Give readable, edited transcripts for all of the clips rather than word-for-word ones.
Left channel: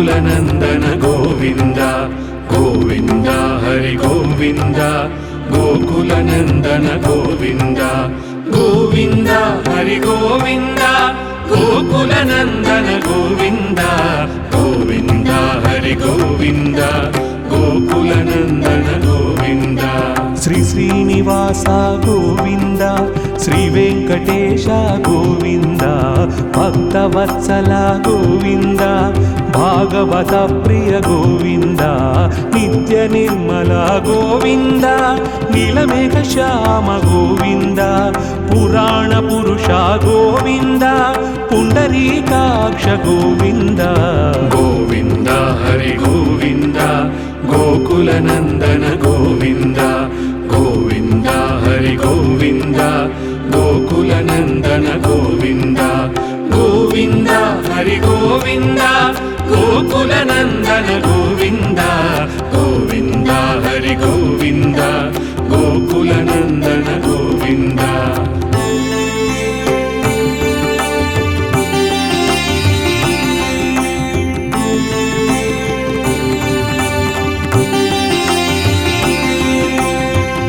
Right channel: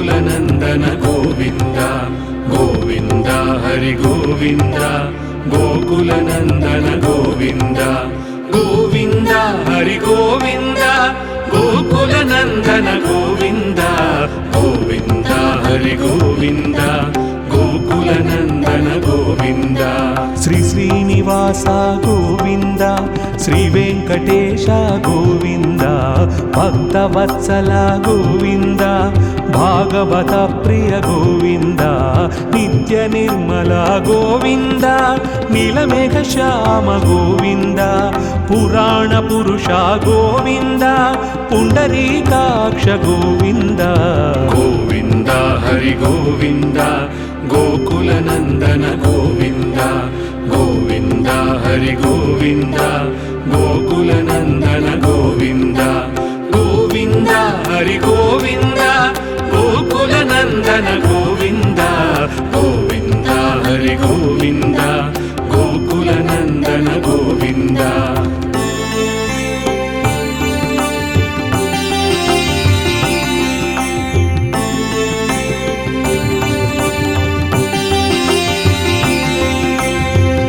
गोकुलनन्दन गोविन्द गोविन्द हरि गोविन्द गोकुलनन्दन गोविन्द गोविन्द हरि गोविन्द गोकुलनन्दन गोविन्द गोविन्द हरि गोविन्द गोकुलनन्दन गोविन्द श्री श्रीनिवास गोविन्द श्री वेंकटेश गोविन्द भक्तवत्सल गोविन्द भागवत प्रिय गोविन्द नित्य निर्मल गोविन्द नीलमेघ श्याम गोविन्द पुराण पुरुष गोविन्द पुंडरीकाक्ष गोविन्द गोविन्द हरि गोविन्द गोकुलनन्दन गोविन्द गोविन्द हरि गोविन्द गोकुलनन्दन गोविन्द गोविन्द हरि गोविन्द गोकुलनन्दन गोविन्द गोविन्द हरि गोविन्द गोकुलनन्दन गोविन्द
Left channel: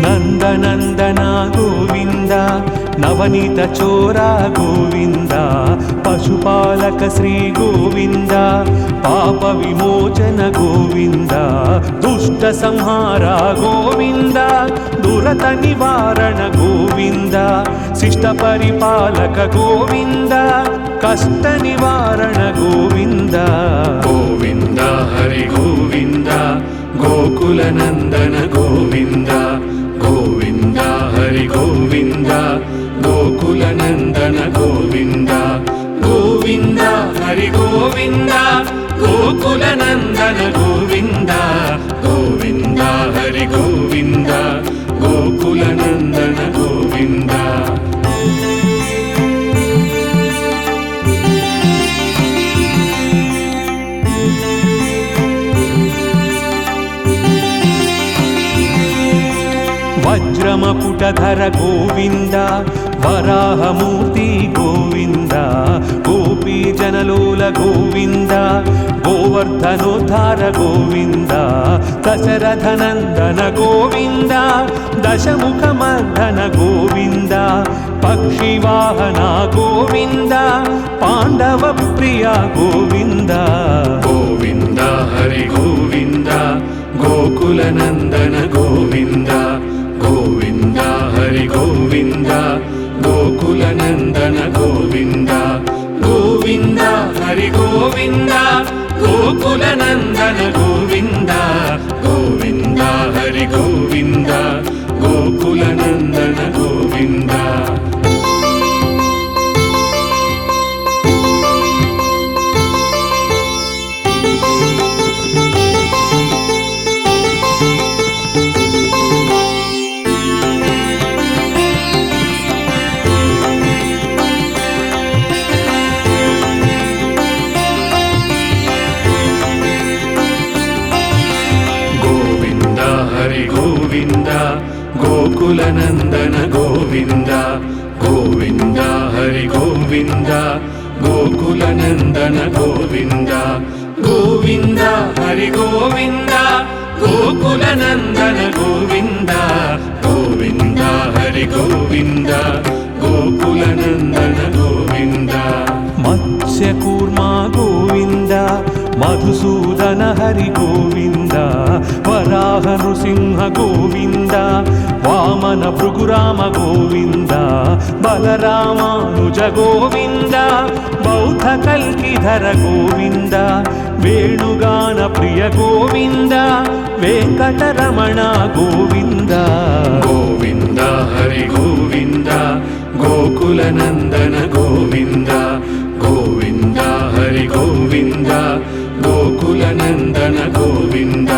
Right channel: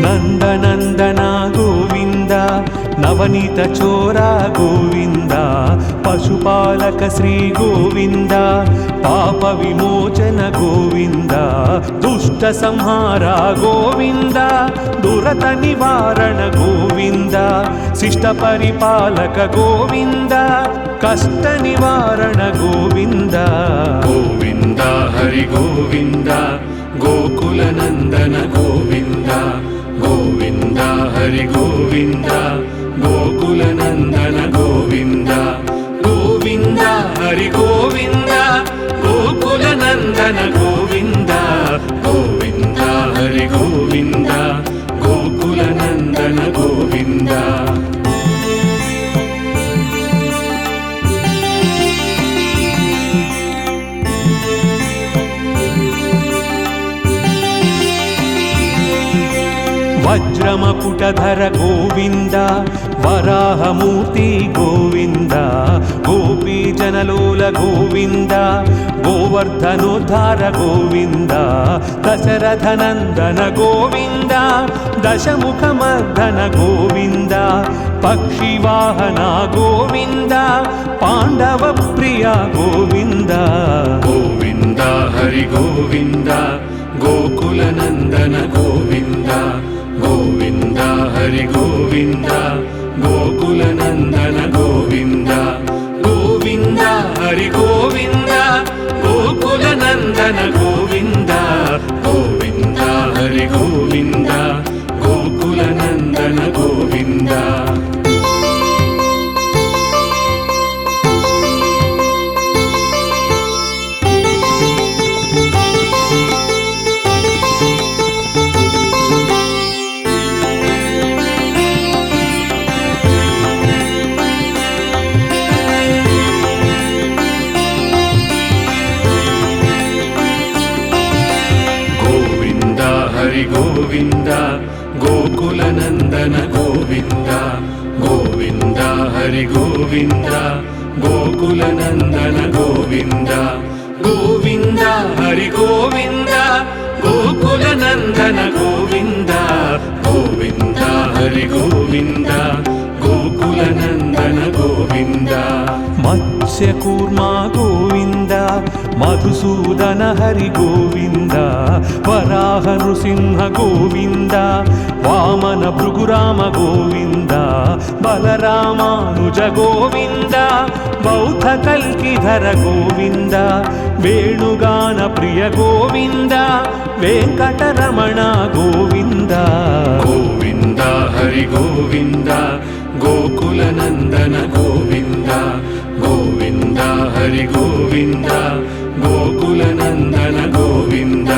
नंदनंदन गोविंद नवनीत चोरा गोविंद पशुपालक श्री गोविंद पाप विमोचन गोविंद दुष्ट संहार गोविंद दुरत निवारण गोविंद शिष्ट परिपालक गोविंद कष्ट निवारण गोविंद गोविंद हरि गोविंद गोकुलनंदन गोविंद गोविन्द हरि गोविन्द गोकुलनन्दन गोविन्द गोविन्द हरि गोविन्द गोकुलनन्दन गोविन्द गोविन्द हरि गोविन्द गोकुलनन्दन गोविन्द वज्रमकुटधर गोविन्द वराहमूर्ति गोविन्द गोपीजनलोल गोविन्द गोवर्धनोद्धार गोविन्द दशरथनन्दन गोविन्द दशमुखमर्दन गोविन्द पक्षिवाहन गोविन्द पाण्डवप्रिय गोविन्द गोविन्द हरि गोविन्द गोकुलनन्दन गोविन्द गोविन्द हरि गोविन्द गोकुलनन्दन गोविन्द गोविन्द हरि गोविन्द गोकुलनन्दन गोविन्द गोविन्द हरि गोविन्द गोकुलनन्दन गोविन्द गोविन्द गोकुलनन्दन गोविन्द गोविन्द हरि गोविन्द गोकुलनन्दन गोविन्द गोविन्द हरि गोविन्द गोकुलनन्दन गोविन्द गोविन्द हरि गोविन्द गोकुलनन्दन गोविन्द मत्स्यकूर्मा गोविन्द मधुसूदन हरि गोविन्द वराह नृसिंह गोविन्द वामन भृगुराम गोविन्द बलरामानुज गोविन्द बौद्ध कल्किधर गोविन्द वेणुगान प्रिय गोविन्द वेंकटरमण गोविन्द गोविन्द हरि गोविन्द गोकुलनन्दन गोविन्द गोविन्द हरि गोविन्द गोकुलनन्दन गोविन्द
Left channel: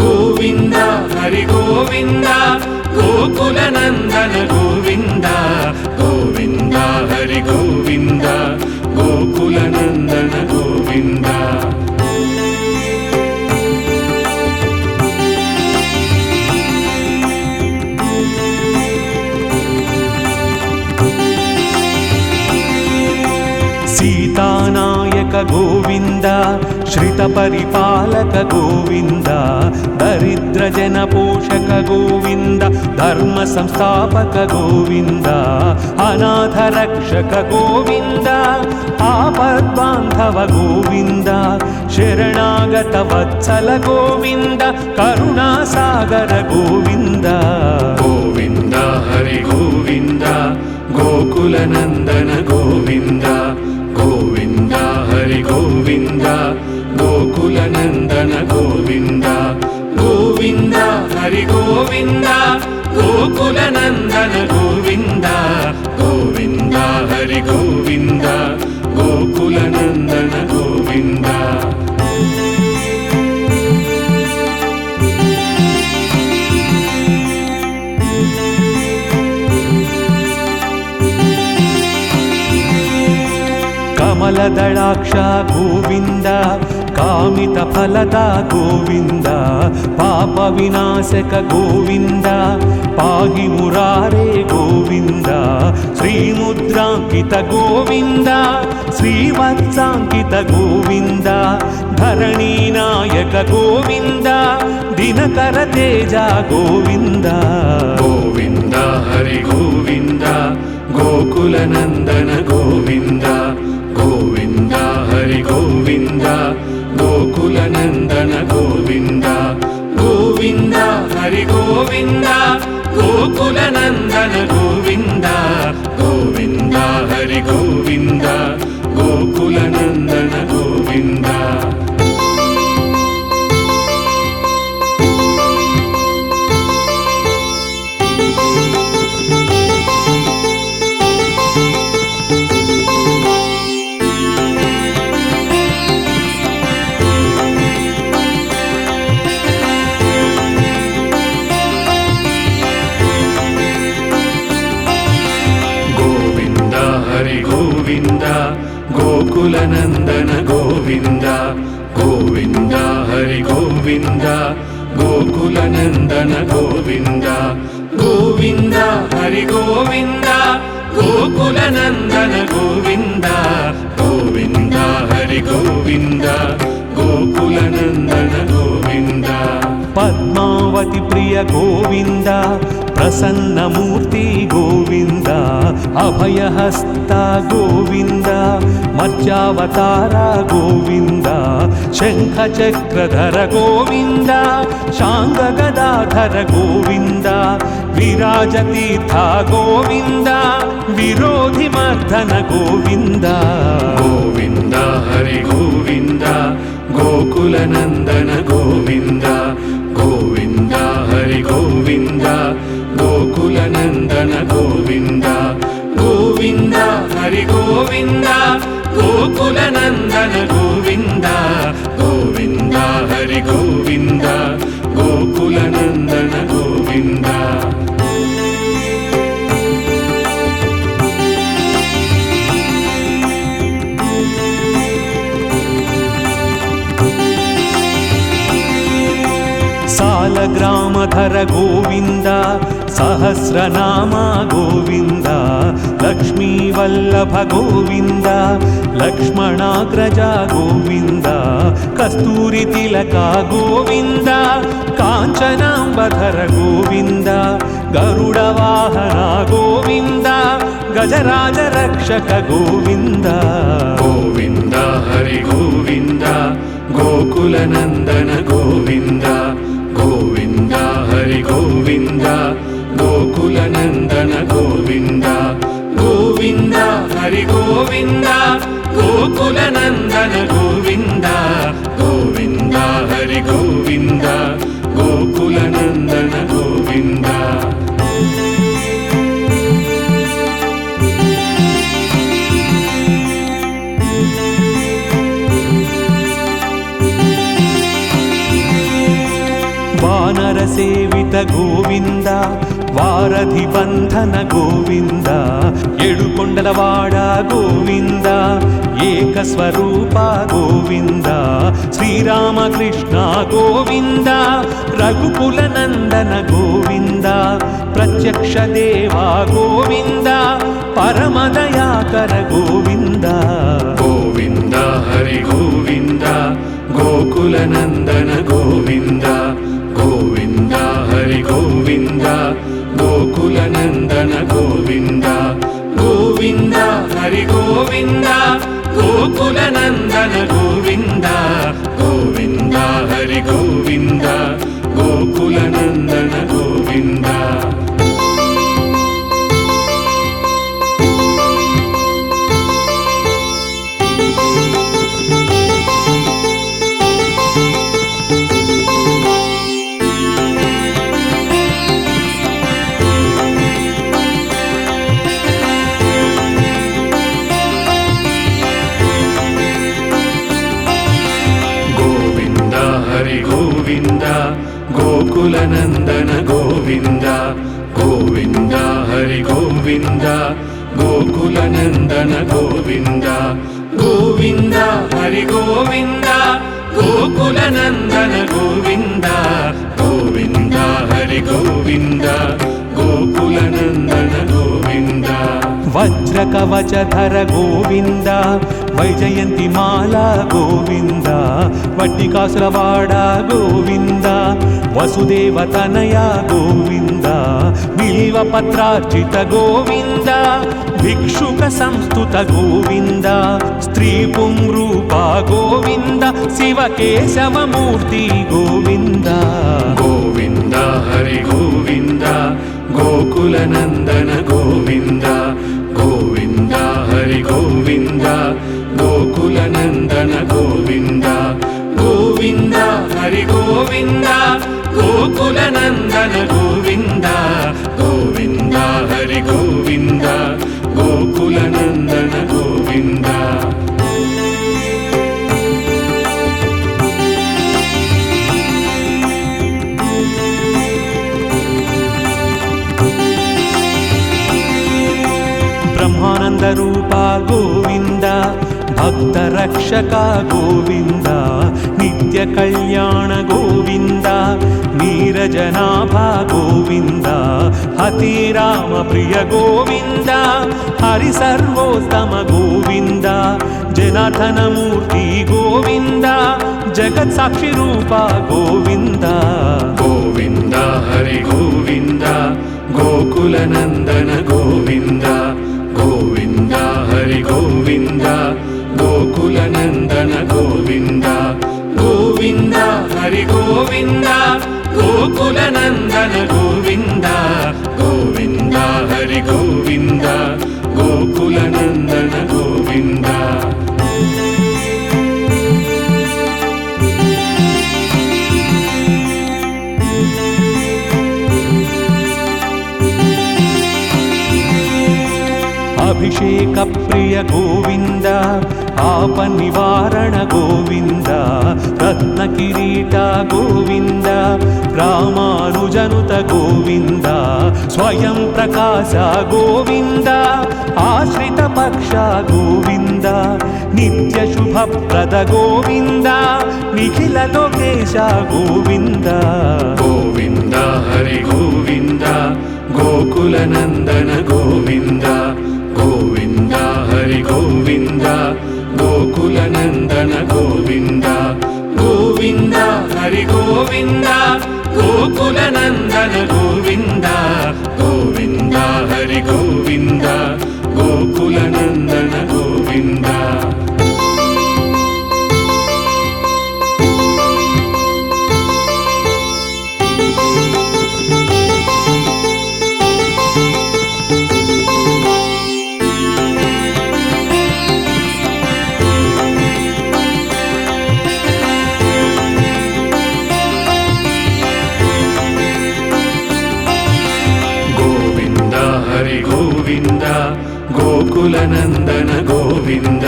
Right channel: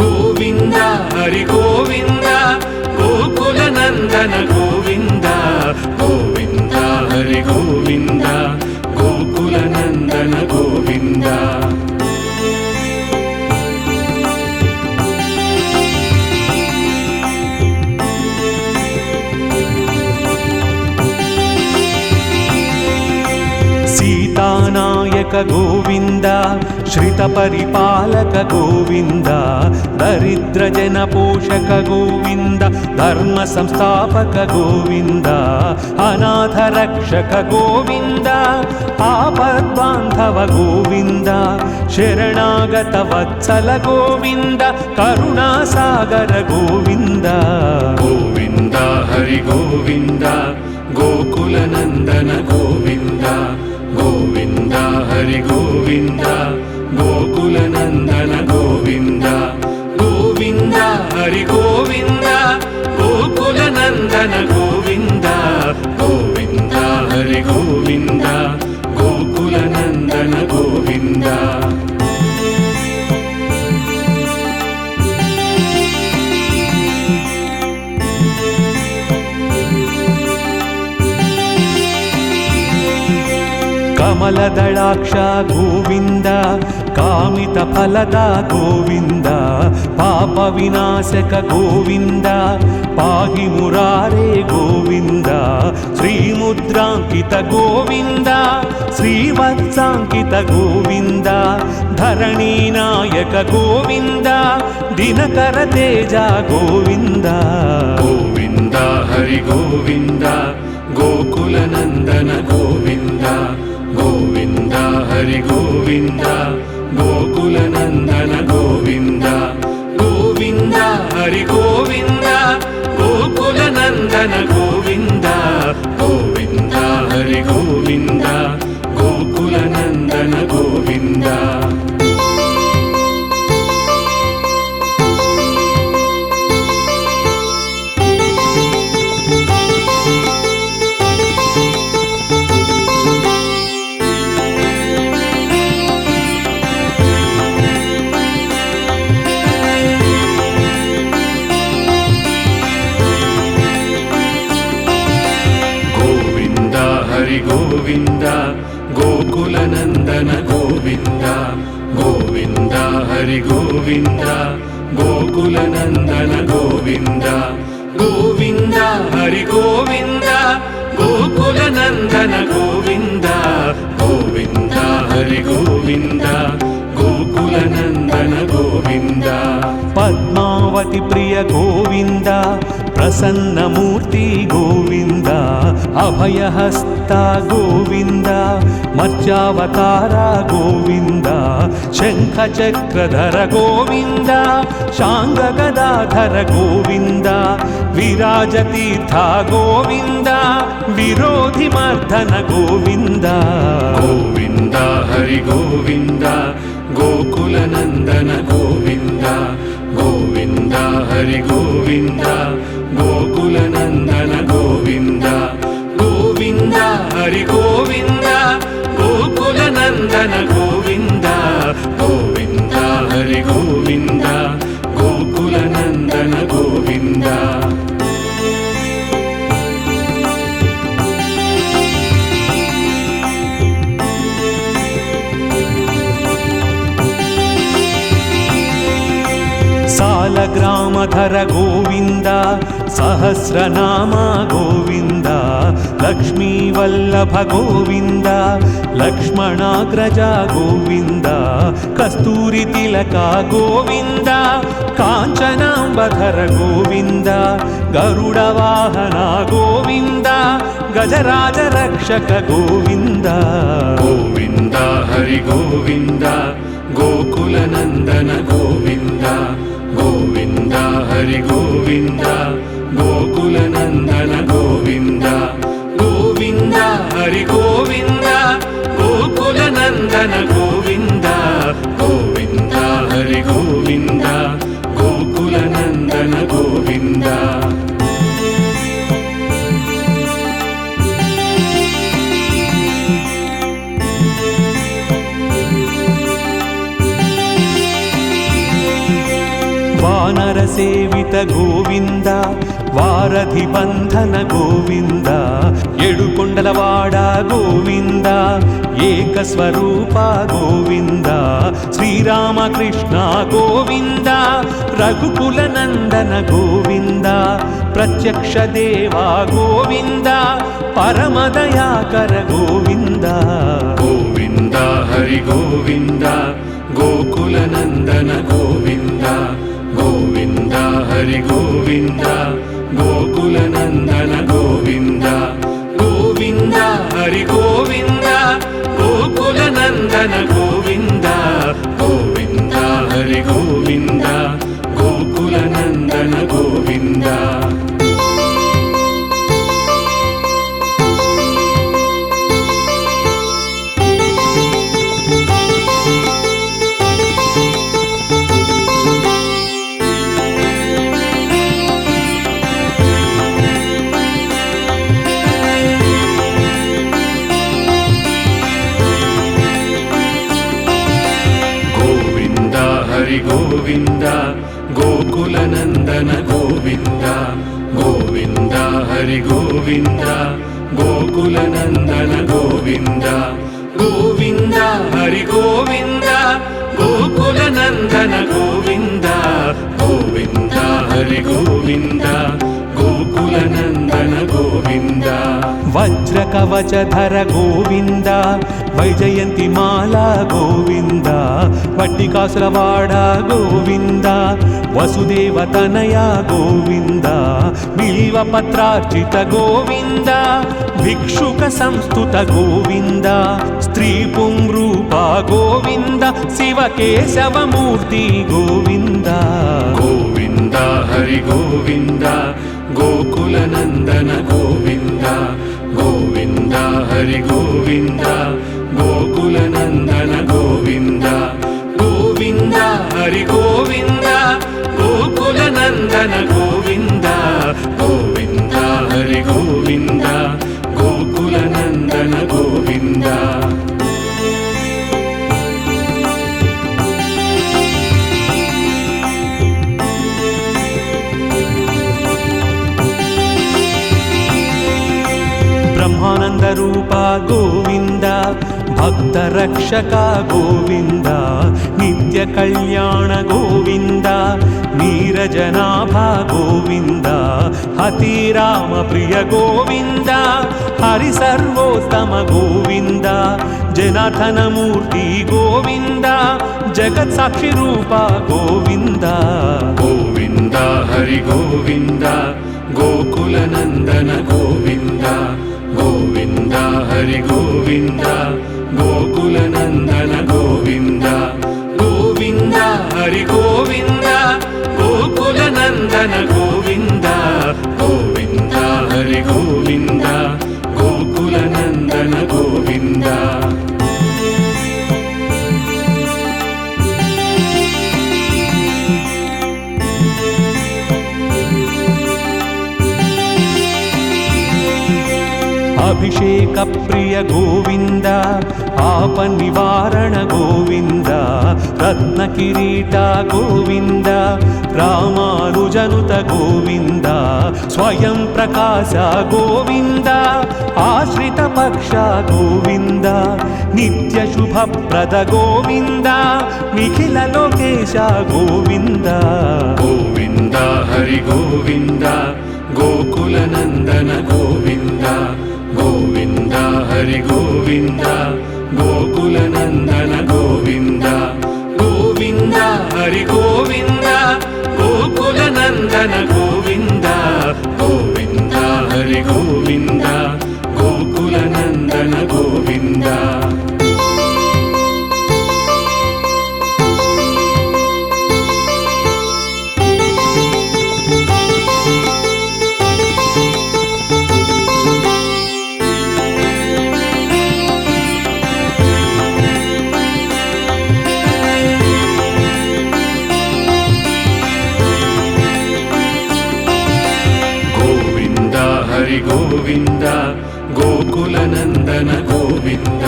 गोविन्द हरि गोविन्द गोकुलनन्दन गोविन्द गोविन्द हरि गोविन्द गोकुलनन्दन गोविन्द सीतानायक गोविन्द श्रितपरिपालक गोविन्द दरिद्रजनपोषक गोविन्द धर्मसंस्थापक गोविन्द अनाथरक्षक गोविन्द आपद्बान्धव गोविन्द शरणागत वत्सल गोविन्द करुणासागर गोविन्द गोविन्द हरि गोविन्द गोकुलनन्दन गोविन्द गोविन्द हरि गोविन्द गोकुलनन्दन गोविन्द गोविन्द हरि गोविन्द गोकुलनन्दन गोविन्द गोविन्द हरि गोविन्द गोकुलनन्दन गोविन्द कमलदलाक्ष गोविन्द कामितफलदा गोविन्द पापविनाशक गोविन्द पाहि मुरारे गोविन्द श्रीमुद्राङ्कित गोविन्द श्रीवत्साङ्कित गोविन्द धरणीनायक गोविन्द दिनकर तेज गोविन्द गोविन्द हरि गोविन्द गोकुलनन्दन गोविन्द गोविन्द हरि गोविन्द गोकुलनन्दन गोविन्द गोविन्द हरि गोविन्द गोकुलनन्दन गोविन्द गोविन्द हरि गोविन्द गोकुलनन्दन गोविन्द हरि गोविन्द गोकुलनन्दन गोविन्द गोविन्द हरि गोविन्द गोकुलनन्दन गोविन्द गोविन्द हरि गोविन्द गोकुलनन्दन गोविन्द गोविन्द हरि गोविन्द गोकुलनन्दन गोविन्द पद्मावती प्रिय गोविन्द प्रसन्नमूर्ति गोविन्द अभयहस्त गोविन्द मत्स्यावतार गोविन्द शङ्खचक्रधर गोविन्द शाङ्गगदाधर गोविन्द विराजतीर्थ गोविन्द विरोधिमर्दन गोविन्द गोविन्द हरि गोविन्द गोकुलनन्दन गोविन्द गोविन्द हरि गोविन्द गोकुलनन्दन गोविन्द गोविन्द हरि गोविन्द गोकुलनन्दन गोविन्द गोविन्द हरि गोविन्द गोकुलनन्दन गोविन्द सालग्रामधर गोविन्द सहस्रनाम गोविन्द लक्ष्मीवल्लभ गोविन्द लक्ष्मणाग्रज गोविन्द कस्तूरितिलक गोविन्द काञ्चनाम्बधर गोविन्द गरुडवाहन गोविन्द गजराज रक्षक गोविन्द गोविन्द हरि गोविन्द गोकुलनन्दन गोविन्द गोविन्द हरि गोविन्द गोकुलनन्दन गोविन्द गोविन्द हरि गोविन्द गोकुलनन्दन गोविन्द गोविन्द हरि गोविन्द गोकुलनन्दन गोविन्द वानर सेवित गोविन्द వారధి బంధన గోవింద ఏడుకొండలవాడ గోవింద ఏకస్వరూప గోవింద శ్రీరామకృష్ణ గోవింద రఘుకుల నందన గోవింద ప్రత్యక్ష దేవా గోవింద పరమదయాకర గోవింద గోవింద హరి గోవింద గోకుల నందన గోవింద గోవింద హరి గోవింద గోకుల నందన గోవింద గోవింద హరి గోవింద గోకుల నందన గోవింద గోవింద హరి గోవింద గోకుల నందన గోవింద గోవింద గోకుల నందన గోవింద గోవింద హరి గోవింద గోకుల నందన గోవింద గోవింద హరి గోవింద గోకుల నందన గోవింద గోవింద హరి గోవింద గోకుల నందన గోవింద వజ్ర కవచధర గోవింద వైజయంతి మాల గోవింద వట్టికాసులవాడ గోవింద వసుదేవ తనయ గోవింద బిల్వ పత్రార్చిత గోవింద భిక్షుక సంస్థుత గోవింద స్త్రీ పుంరూప గోవింద శివ కేశవమూర్తి గోవింద గోవింద హరి గోవింద గోకుల నందన గోవింద గోవింద హరి గోవింద గోకుల నందన గోవింద గోవింద హరి గోవింద గోకుల నందన గోవింద గోవింద హరి గోవింద గోకుల నందన గోవింద బ్రహ్మానంద రూప గోవింద భక్త రక్షక గోవింద నిత్య కళ్యాణ గోవింద నీరజనాభ గోవింద హతిరామ ప్రియ గోవింద హరి సర్వోత్తమ గోవింద జనార్దన మూర్తి గోవింద జగత్ సాక్షి రూప గోవింద గోవింద హరి గోవింద గోకుల నందన గోవింద గోవింద హరి గోవింద గోకుల నందన గోవింద గోవింద హరి గోవింద గోకుల నందన గోవింద గోవింద హరి గోవింద గోకుల నందన గోవింద అభిషేక ప్రియ గోవింద ఆప నివారణ గోవింద రత్న కిరీట గోవింద రామానుజనుత గోవింద స్వయం ప్రకాశ గోవింద ఆశ్రిత పక్ష గోవింద నిత్య శుభప్రద గోవింద నిఖిల లోకేశ గోవింద గోవింద హరి గోవింద గోకుల నందన గోవింద గోవింద హరి గోవింద గోకుల నందన గోవింద గోవింద హరి గోవింద గోకుల నందన గోవింద గోవింద హరి గోవింద గోకుల నందన గోవింద గోవింద గోకుల నందన గోవింద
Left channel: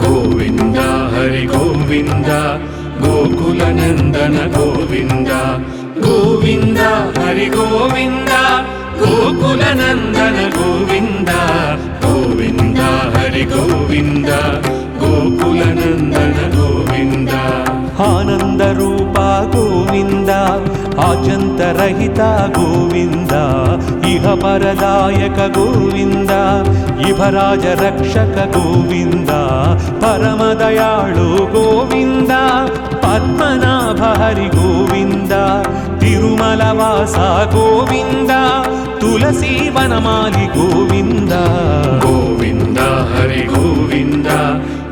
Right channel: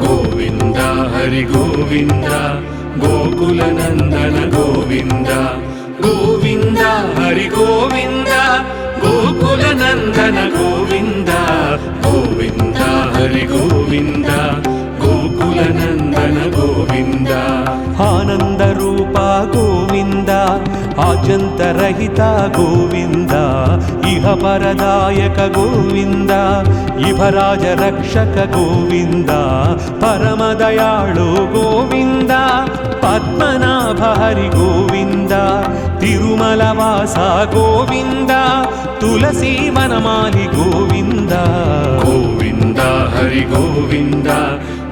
గోవింద హరి గోవింద గోకుల నందన గోవింద గోవింద హరి గోవింద గోకుల నందన గోవింద గోవింద హరి గోవింద గోకుల నందన గోవింద ఆనంద రూప గోవింద ఆజంతరహిత గోవింద ఇహ పరదాయక గోవింద ఇభరాజ రక్షక గోవింద పరమదయాళు గోవింద పద్మనాభ హరి గోవింద తిరుమల వాస గోవింద తులసి వనమాలి గోవింద గోవింద హరి గోవింద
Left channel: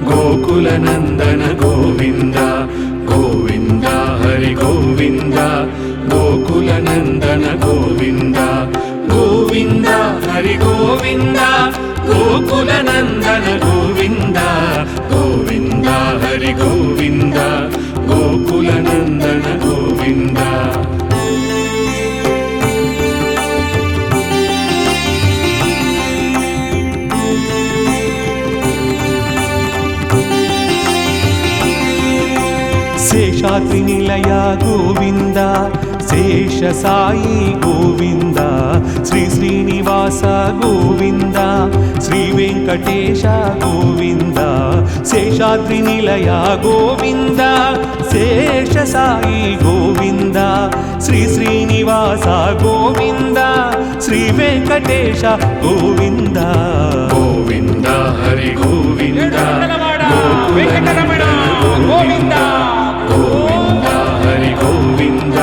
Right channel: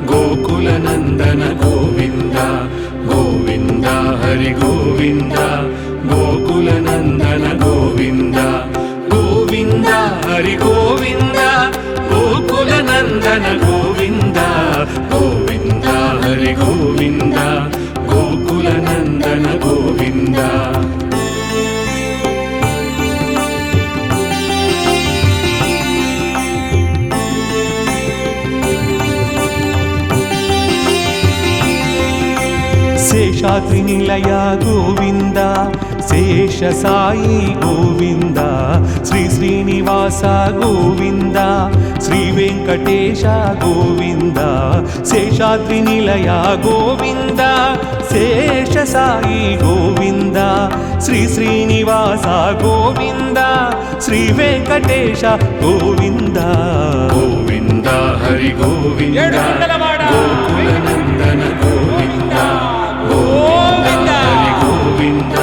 గోకుల నందన గోవింద గోవింద హరి గోవింద గోకుల నందన గోవింద గోవింద హరి గోవింద గోకుల నందన గోవింద గోవింద హరి గోవింద గోకుల నందన గోవింద శేషాద్రి నిలయ గోవింద శేష సాయి గోవింద శ్రీ శ్రీనివాస గోవింద శ్రీ వెంకటేశ గోవింద శేషాద్రి నిలయ గోవింద శేష సాయి గోవింద శ్రీ శ్రీనివాస గోవింద శ్రీ వెంకటేశ గోవింద గోవింద హరి గోవింద ఏడుకొండలవాడ వెంకటరమణ గోవింద గోవింద హరి గోవింద